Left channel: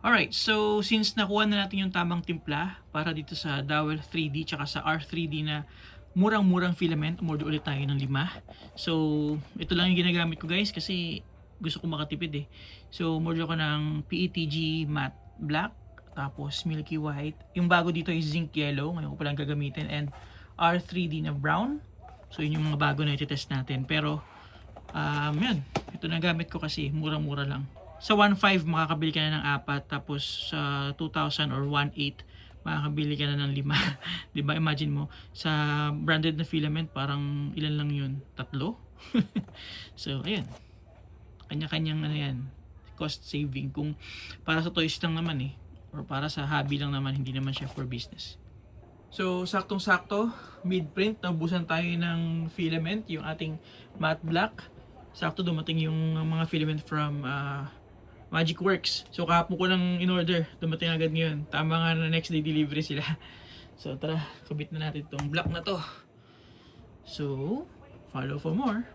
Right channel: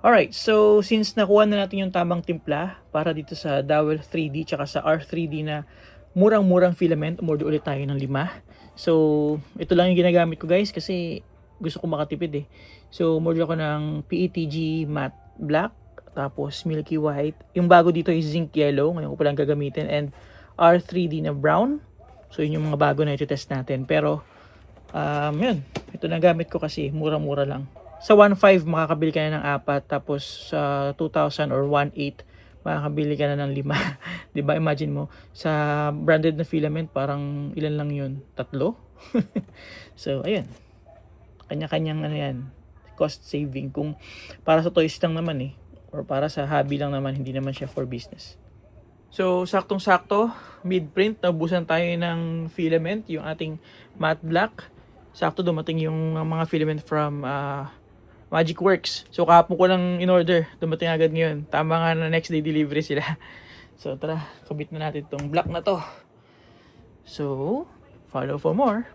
Alright, so since nakuha na natin yung tamang timpla para dito sa Dowel 3D tsaka sa R3D na murang-murang filament, umorder ulit tayo ng 5. So, ito lang yung ginagamit ko guys kasi gusto ko makatipid eh. So, umorder ako ng PETG matte black, tapos milky white. Yung bago dito is zinc yellow, ngayon ko palang gagamitin, and R3D na brown. So, yun yung mga bago na iti-test natin. Pero, yun, ito na gamit ko kasi mura-mura lang. Sa 1.5 makakabili ka na ng 4, tapos sa 2,000 or 1.8 makakabili ka na ng 5. 'Di ba? Imagine mo sa branded na filament parang ilan lang 'yun? 3. So ayun. Kanya-kanyang ano 'yan, cost saving kung para sa toys lang naman eh, or para sa hobby lang naman, hindi naman siya for business. So saktong-sakto, mid-print naubusan tayo ng filament, yung ating matte black. Sakto dumating yung mga filament from Magic Works. So kahapon ko lang in order, dumating agad ngayon. Tama nga na next day delivery sila. So tara, kabit na natin tong black na to. So, follow for more.